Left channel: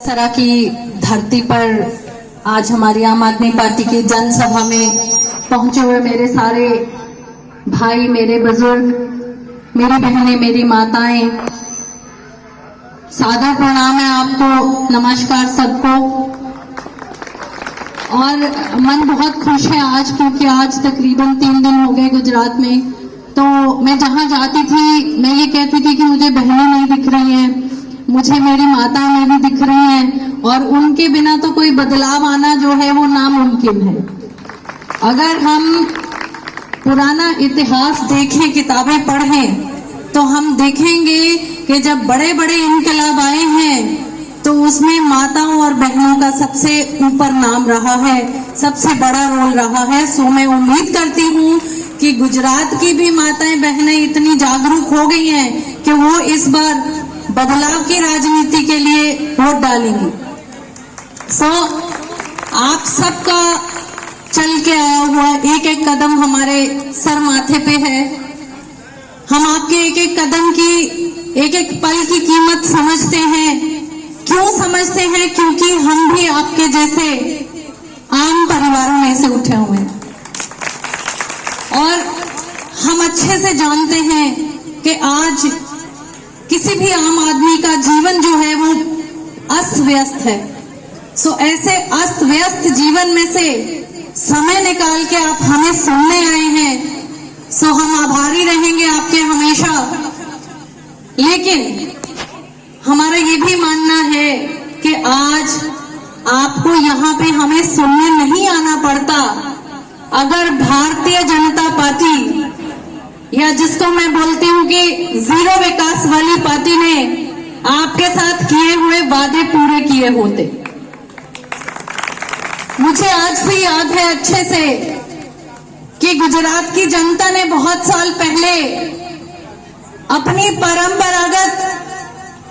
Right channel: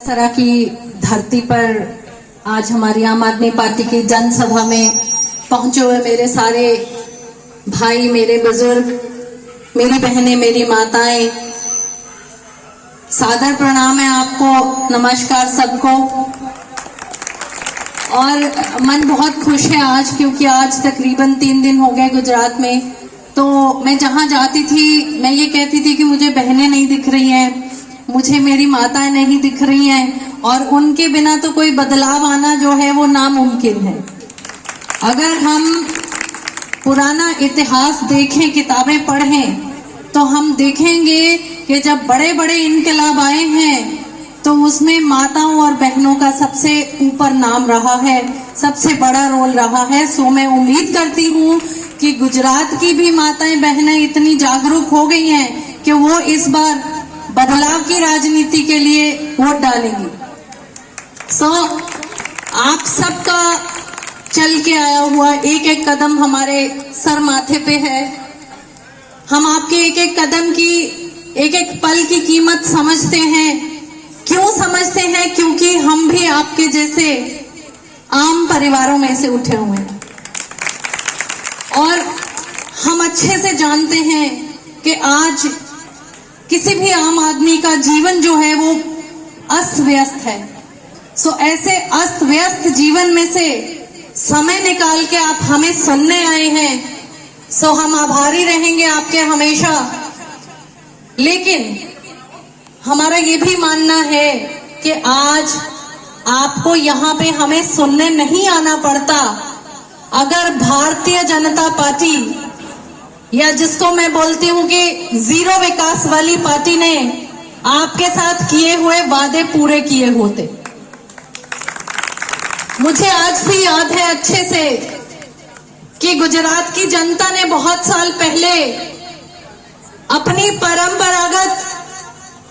सरा की धरती पर आज हमारी आम आदमी पार्टी की जनसभा में पहुंचे हुए मेरे सारे भाई, मेरे बुजुर्ग, मेरी बहनें, मेरी माताएं, सादर प्रणाम है आपको, नमस्कार सबको। और मन बहुत खुश है आज, क्योंकि आज तकरीबन 3 दिन हो गए गुजरात में। तो मैं जहां जाती थी मैं ये कहती थी कि मुझे बहनें नहीं दिख रही हैं, मुझे मेरी माताएं नहीं दिख रही हैं, और उनके बिना तो कोई बदलाव आना जो है वो नामुमकिन है। अगर हम पुराना इतिहास देखें, किताबें पढ़ें, तो हम देखेंगे कि जब बड़े बड़े इनकलाब आए हैं तो उसमें माताओं और बहनों का सबसे ऊपर नाम रहा है, सबसे बड़ा रोल रहा है। सो मैं उम्मीद करती हूँ कि गुजरात की भी माताएं बहनें इतनी जागरूक हो गई हैं कि वो इस बार बदलाव की राजनीति के लिए वोट डालेंगी। सो आप सबका चल के आया हुआ एक एक कदम हमारे सर माथे पे है। हम आपके एक एक कदम की, एक एक पल की कीमत समझते हैं। क्यों समझते हैं? क्योंकि हम भी आपके जैसे आम परिवारों में से उठे हुए हैं, और हम अच्छे से जानते हैं कि आज किसी भी आम आदमी का जीवन जो है वो अस्त व्यस्त है। सो ऐसे अस्त व्यस्त जीवन में से समय निकाल के आप हमें सुनने आए हैं, सो हम आभारी रहेंगे आपके हमेशा। लेकिन हमारा ये भी मानना है कि आज आपको यहाँ पे हमें सुनने नहीं आना पड़ता अगर भारतीय जनता पार्टी, या जिसको मैं बोलती हूँ कि जीरो विकास वाली पार्टी ने आपके साथ किए हुए वादे पूरे किए होते। मुझे आज भी याद है अच्छे से कि गुजरात की जनता ने बहुत साल पहले अपनी परंपरागत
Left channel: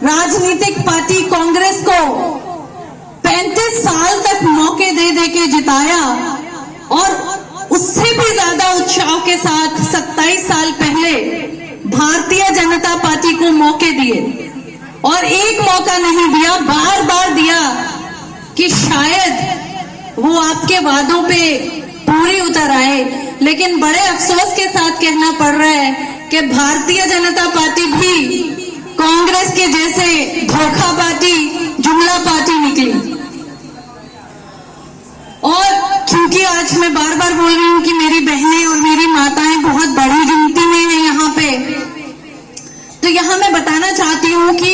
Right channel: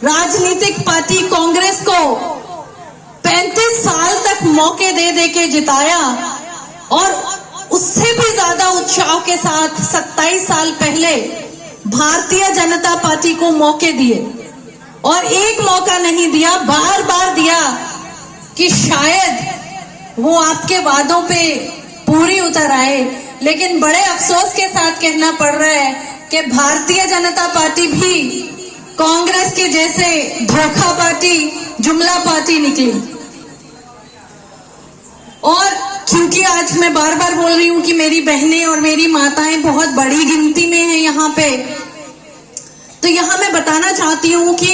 राजनीतिक पार्टी कांग्रेस को 35 साल तक मौके दे दे के जिताया, और उससे भी ज्यादा उत्साह के साथ 27 साल पहले भारतीय जनता पार्टी को मौके दिए, और एक मौका नहीं दिया, बार बार दिया कि शायद वो आपके वादों पे पूरी उतर आए। लेकिन बड़े अफसोस के साथ कहना पड़ रहा है कि भारतीय जनता पार्टी भी कांग्रेस के जैसे धोखा पार्टी, जुमला पार्टी निकली। और क्योंकि आज मैं बार बार बोल रही हूँ कि मेरी बहनें और मेरी माताएं बहुत बड़ी गिनती में हैं यहाँ पे, तो यहाँ मैं बताना चाहती हूँ कि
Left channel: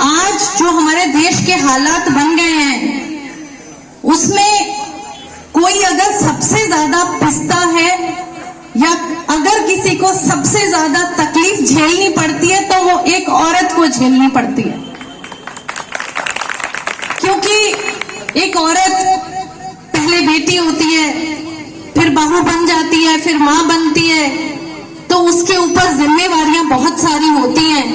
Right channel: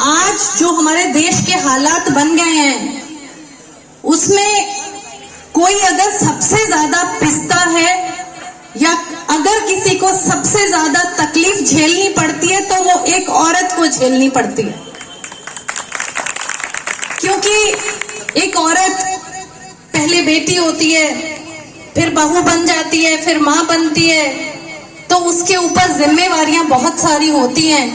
आज जो हमारे देश के हालात बन गए हैं उसमें कोई अगर सबसे ज्यादा पिसता है, या अगर किसी को सबसे ज्यादा तकलीफ झेलनी पड़ती है, तो वो एक औरत को झेलनी पड़ती है। क्योंकि एक औरत पहले बेटी होती है, फिर बहू बन जाती है, फिर माँ बनती है, तो उसके ऊपर जिम्मेवारियां बहुत सारी होती हैं।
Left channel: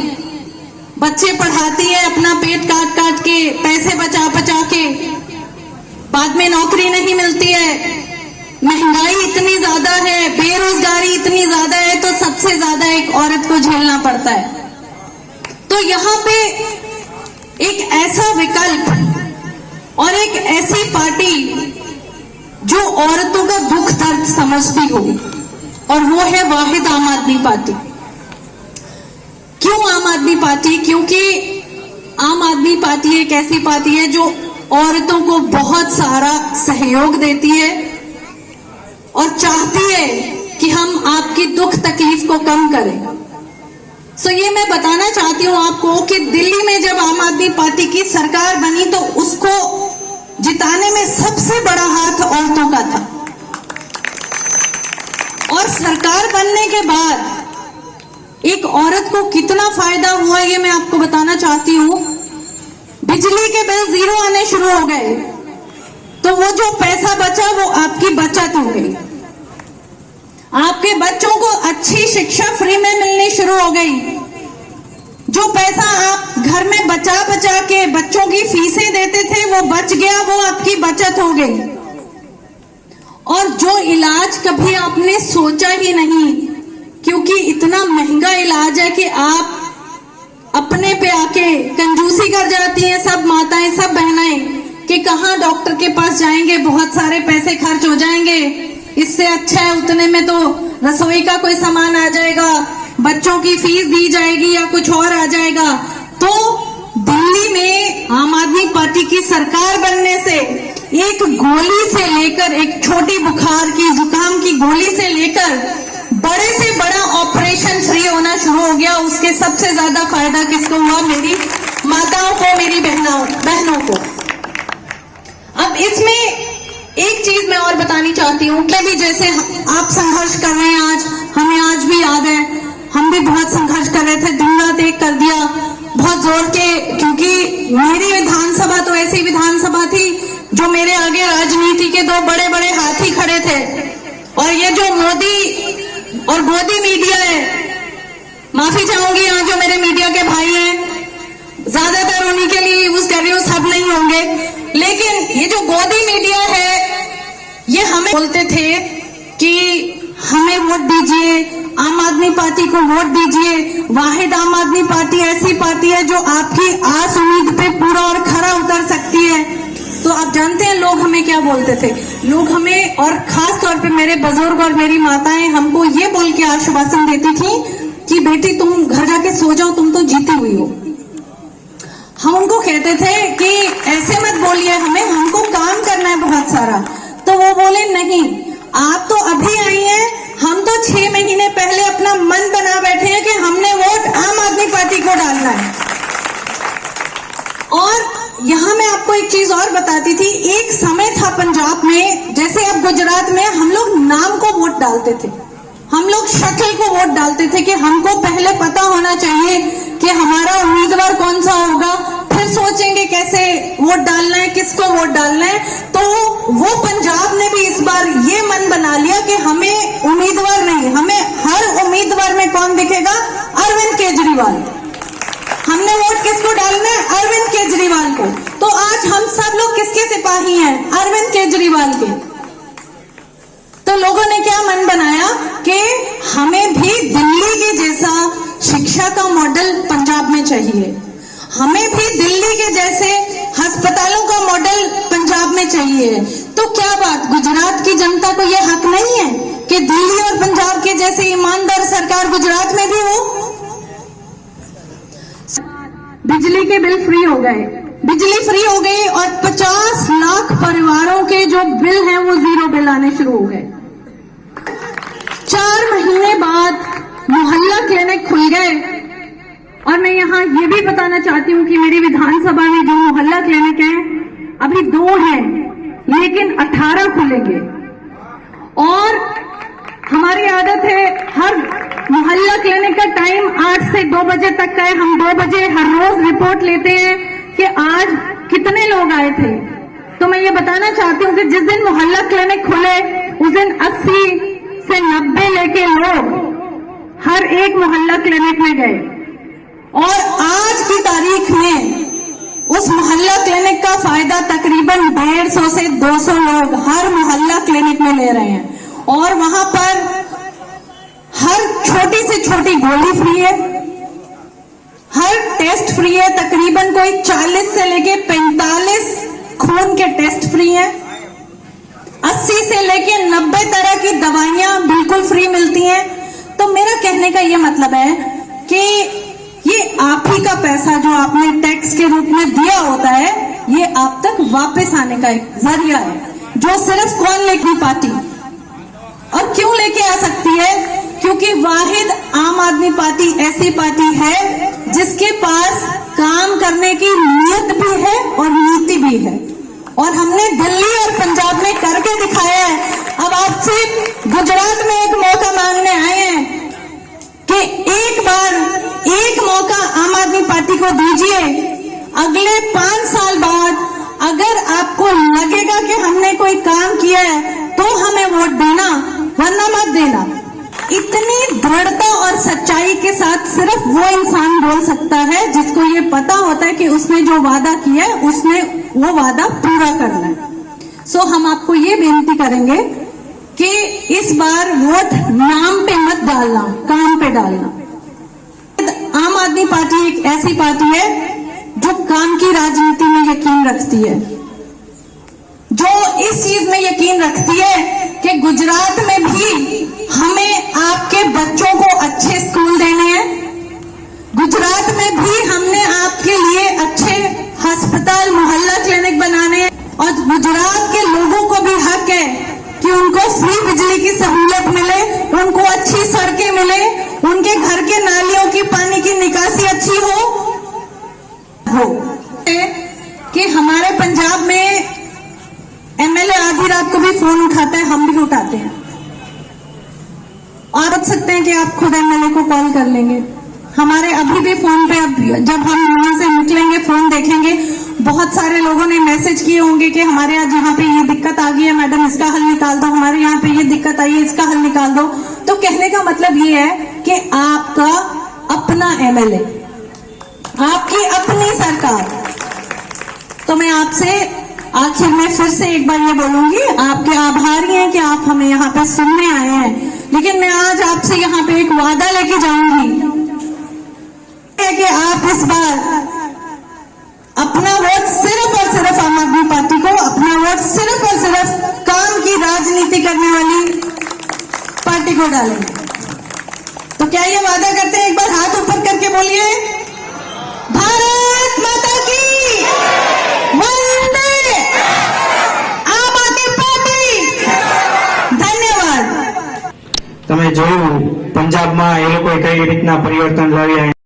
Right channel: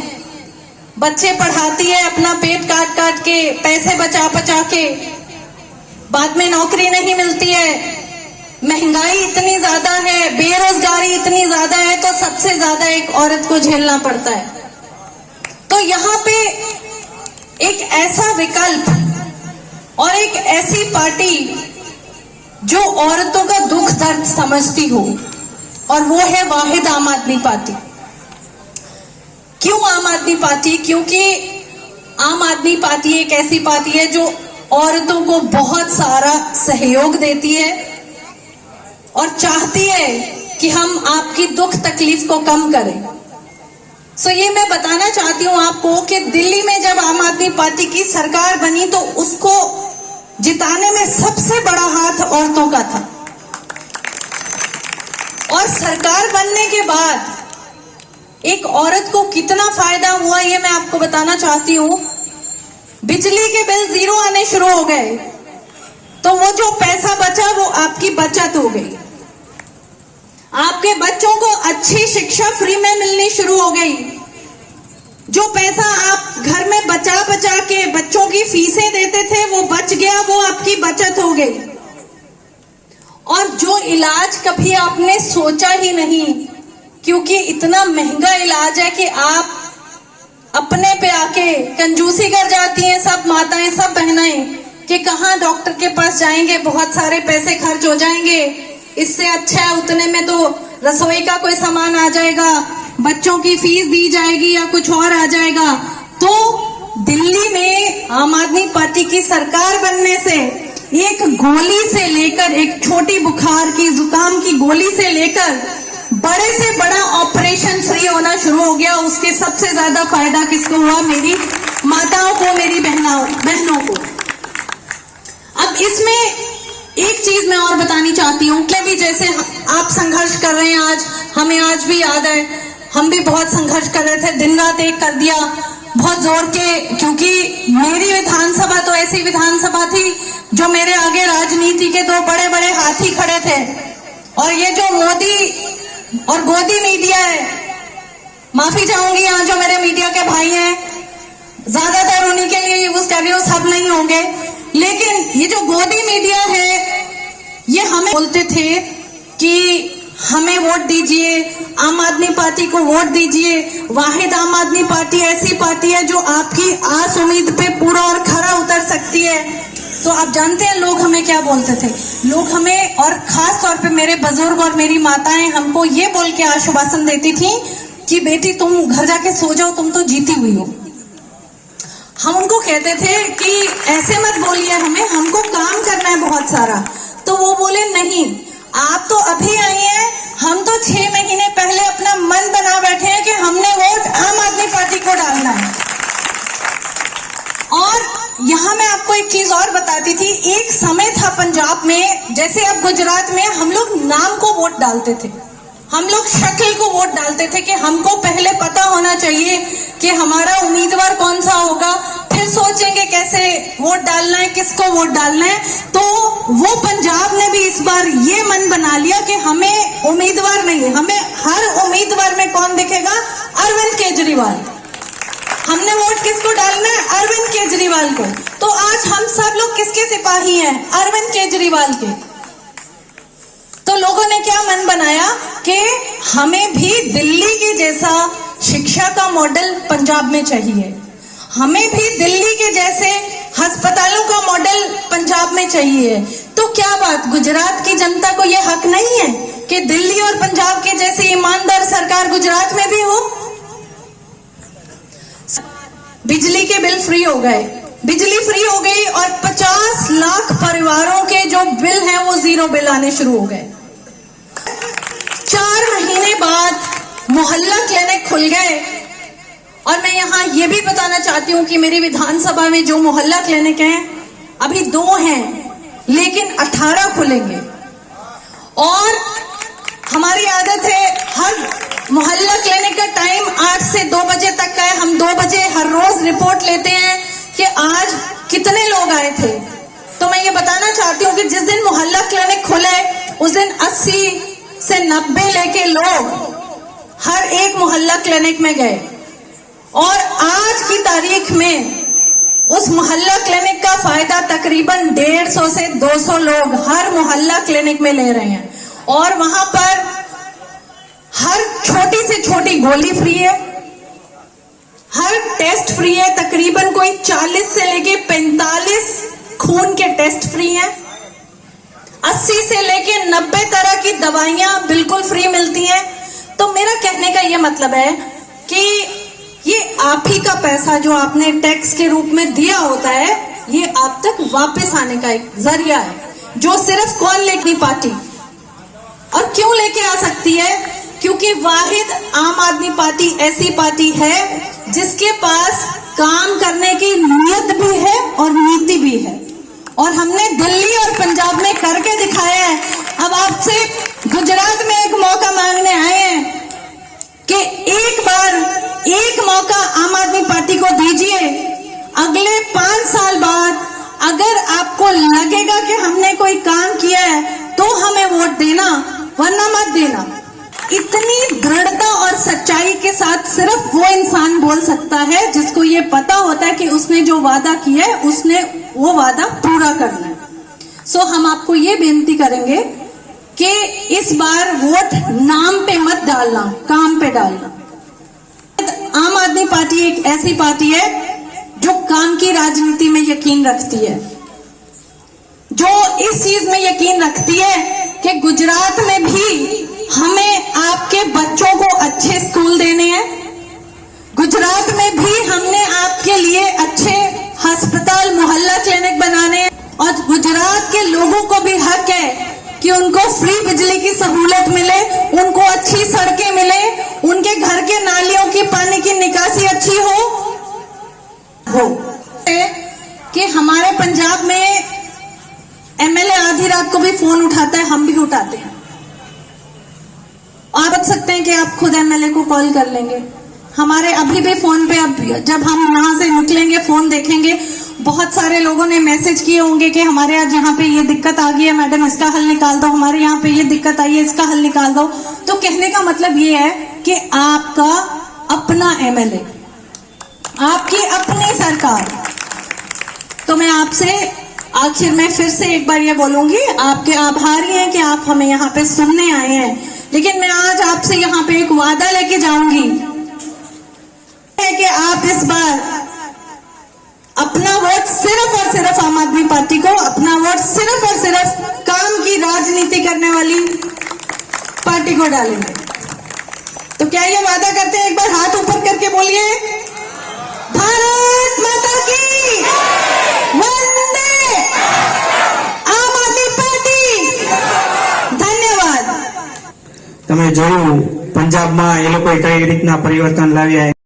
बच्चे पढ़ाती है अपना पेट काट काट के, पैसे बचा बचा के, बाद में नौकरी नहीं मिलती है, महंगाई इतनी ज्यादा है, बेरोजगारी इतनी ज्यादा है, तो सबसे ज्यादा एक औरत को झेलना पड़ता है। तो यहाँ पे एक ऐसा विकल्प और एक ऐसी पार्टी जो औरतों का दुख दर्द समझती हो, और वो है वाहिद आम आदमी पार्टी। क्यों आम आदमी पार्टी? क्योंकि आम आदमी पार्टी एक ऐसी पार्टी है जो औरतों को बहुत सारा सहयोग देती है और चाहती है कि हम आपकी दुख तकलीफ को कम करें। सो ये मैं बताना चाहती हूँ आपको कि दिल्ली में जब आम आदमी पार्टी की सरकार बनी तो उसको जिताने में सबसे बड़ा हाथ औरतों का था, और सरकार बनने के बाद एक औरत को कितना फायदा हुआ ये मैं आपको बताना चाहती हूँ। बिजली के बिल 0 आने शुरू हो गए, तो वो जो पैसा बचा वो आपकी बचत हो गई। आपके बच्चों को अच्छी शिक्षा फ्री में मिलनी शुरू हो गई। जो पैसा आप घर में बचा बचा के बच्चों की फीसें देते थे वो बच गया, वो आपकी बचत हो गई। और जो इलाज कभी आपने सोचा ही नहीं, क्योंकि इतना महंगा इलाज है कि आप अपने पे आके कंजूसी कर जाती हैं सब माताएं, सब बहनाएं, कि कहाँ डॉक्टर के पास जाएंगे, बहुत सारे पैसे खर्च हो जाएंगे, इससे अच्छा है उतने में तो रसोई का कोई सामान आ जाएगा, बच्चों की फीस दी जाएगी या कुछ और आ जाएगा। तो दिल्ली में आम आदमी पार्टी की सरकार बनने से एक गोली से लेकर, एक छोटी बुखार की, जुकाम की गोली से लेकर बड़े से बड़ा ऑपरेशन फ्री होना शुरू हो गया। उसके सबसे ज्यादा फायदा किसको हुआ? मेरी माताओं को, मेरी बहनों को। अब इसमें एक चीज मैं और बतानी चाहती हूँ कि भी जैसे आप संघर्ष कर रहे हैं आज, हमें आज भी याद है, हम भी बहुत संघर्ष कर रहे थे, दिन रात एक कर दिया बहुत जोर के, क्योंकि मेरी विधानसभा तो ऐसी विधानसभा थी जो मेरे आगे राजनीति के दो बड़े बड़े हाथी खड़े थे। और ये जो मोदी और गोदी मीडिया है, माफी चाहूंगी यहाँ जो मेरे मीडिया के भाई हैं, ज्यादातर उन्हीं के लिए यूज कर रही हूँ, सब नहीं होंगे, लेकिन ये जो गोदी मीडिया है ये हमें बोलते थे कि हमें वोट दीजिए, आम आदमी पार्टी को वोट दीजिए, वाहिद आम आदमी पार्टी ऐसी पार्टी है जो आपकी आस उम्मीद पे पूरा और खरा उतर सकती है। तो आप जानते हैं लोग हमें क्या बोलते थे? लोग हमें, और खास तौर पे मेरे बुजुर्ग और मेरी माताएं हमको ये बोल के आश्वासन देती थी कि बेटी तुम घर जाके सो जाओ, तुम तो जीती हुई हो। हम उनको कहते थे कि ऐसे मत बोलिए हमें, हमको काम करना है बहुत सारा। तो वो बोले नहीं, आप तो अभी आई हैं, हम तो 6 महीने पहले अपना मन बना बैठे हैं कि हमने वोट आम आदमी पार्टी को डालना है। और यहाँ मैं आपको एक चीज और बताती थी, एक समय था पंजाब में, जैसे अब गुजरात में, हम लोग नाम को वोट डालते थे, हम लोग शक्ल को वोट डालते थे कि हमको पहले पता होना चाहिए कि हमारा उम्मीदवार कौन सा होगा, फिर सोचेंगे कैसे वोट डालना है, किसको वोट डालना है। तो वो पंजाब ने भी इस बार ये मन बना लिया कि हमें उम्मीदवार नहीं, हमें हर उम्मीदवार में कौन दिखेगा? अरविंद केजरीवाल। हमने वोट किसको डालना है? अरविंद केजरीवाल को। तो आज हम सब लोग किसके सिपाही हैं? अरविंद केजरीवाल के। तो लोगों ने क्या मन बनाया कि हमें भी दिल्ली की जैसा शिक्षा का मॉडल पंजाब में चाहिए, हमें भी दिल्ली के जैसे अस्पतालों का मॉडल पंजाब में चाहिए। तो क्या बात, गुजरात की जनता को यह हक नहीं है कि दिल्ली और पंजाब के जैसे ईमानदार सरकार गुजरात में भी हो? बिजली के बिल फ्री हो गए, बिजली फ्री हो गई, और 50 लाख परिवारों के जो बिल हैं वो जीरो बिल आने शुरू हो गए। 4 महीने बाद मोहल्ला क्लिनिक खुल गए। और मैं यहाँ ये भी बताना चाहती हूँ कि मेरी विधानसभा में जो मोहल्ला क्लिनिक है अभी 2 हैं, लेकिन 18 खुलेंगे। और हमारी आदत है हर मोहल्ला क्लिनिक का टाइम 8 से 2 बजे तक का है। हम 2 बजे हर रोज रिपोर्ट लेते हैं कि आज कितने लोग आए थे। तो मैं ये बताना चाहती हूँ कि जिस दिन मोहल्ला क्लिनिक खुले उस दिन 80 से 90 लेके लोग हर एक मोहल्ला क्लिनिक में गए। और आज की तारीख में उस मोहल्ला क्लिनिक का फायदा तकरीबन 150 से 200 लोग हर मोहल्ला क्लिनिक में ले रहे हैं। और वहां पर हर छोटी से छोटी गोली फ्री है, हर टेस्ट फ्री है, तकरीबन कोई 40 से लेके 45 खून के टेस्ट फ्री है, 80 से लेके 90 तरह की दवाइयां बिल्कुल फ्री मिलती हैं। तो मेरा कहने का ये मतलब है कि ये आप ही का पैसा जो आपने टैक्स के रूप में दिया होता है, ये आप तक वापस आने का एक जरिया है, जो सिर्फ कौन लेगी? पार्टी। और क्यों लेके आ सकती है? क्योंकि वाहिद आम आदमी पार्टी ऐसी पार्टी है जिसके पास काम करने की नीयत भी है और नीति भी है। और हमने दिल्ली और पंजाब में करके दिखाया है। अब आपसे गुजरात में एक मौका मांगने आए हैं कि एक बार एक मौका आम आदमी पार्टी को दीजिए। अगले 5 साल बाद अगर आपको लगेगा कि हमने कोई काम किया है तो हमें वोट देना, वरना मत देना। इतनी दृढ़ता और सच्चाई के साथ सिर्फ वो इंसान बोल सकता है जिसको ये पता होता है कि उसने जो वादा किया है उसने वो वादा पूरा करना है। सो हम आपको ये बेनती करेंगे कि इस बार वोट नाम पे मत डालना, काम पे डालना। आम आदमी पार्टी एक ऐसी पार्टी है जो काम की राजनीति में यकीन रखती है, जो इस चीज में यकीन रखती है कि गुजरात में भी हमें आपके बच्चों को अच्छे स्कूल देने हैं, गुजरात में भी हमने आपके लिए अच्छे अस्पताल मोहल्ला क्लिनिक बनाने हैं, और गुजरात के लोगों को भी हक है कि उनको फ्री बिजली की सहूलत मिले, उनको अच्छी सड़कें मिले, उनके घर के नालियों की पानी की निकासी अच्छी हो कि हमारे पंजाब में एमएलए आधी रात को भी फोन उठाता है, हम भी उठाते हैं, और बच सकते हैं कि आप खुद एमएलए को कॉल कर लेंगे। हमारे अभी भी फोन पे, अब जब हम वहां से निकलेंगे फोन देखेंगे, बहुत सारे लोगों ने मैसेज किए होंगे कि हमारे यहाँ पे ये दिक्कत आ गई है मैडम, इसका हल निकाल दो, हमारे यहाँ पे ये दिक्कत आई है, इसका हल निकाल दो। तो कहने का मतलब ये है कि आपका अपना एमएलए, आपकी अपनी सरकार। तो मैं आपसे आखिर में फिर से एक बार ये बोलूंगी, आपके आभारी हैं कि आप हमें यहाँ पे सुनने आए हैं, लेकिन मैं आज आपसे यहाँ पे एक वादा लेके जाऊंगी कि आप इस बार अपना वोट सिर्फ और सिर्फ आम आदमी पार्टी को, अपना वोट सिर्फ और सिर्फ काम की राजनीति करने वाली पार्टी को डालेंगे। तो क्या ये वादा करते हैं? एक बार हाथ ऊपर करके बोलिए, भारत माता की वंदे, आम आदमी पार्टी। धन्यवाद। તમે જોયું પંજાબમાં એ લોકોએ કઈ રીતના પરિવર્તન લાવ્યા.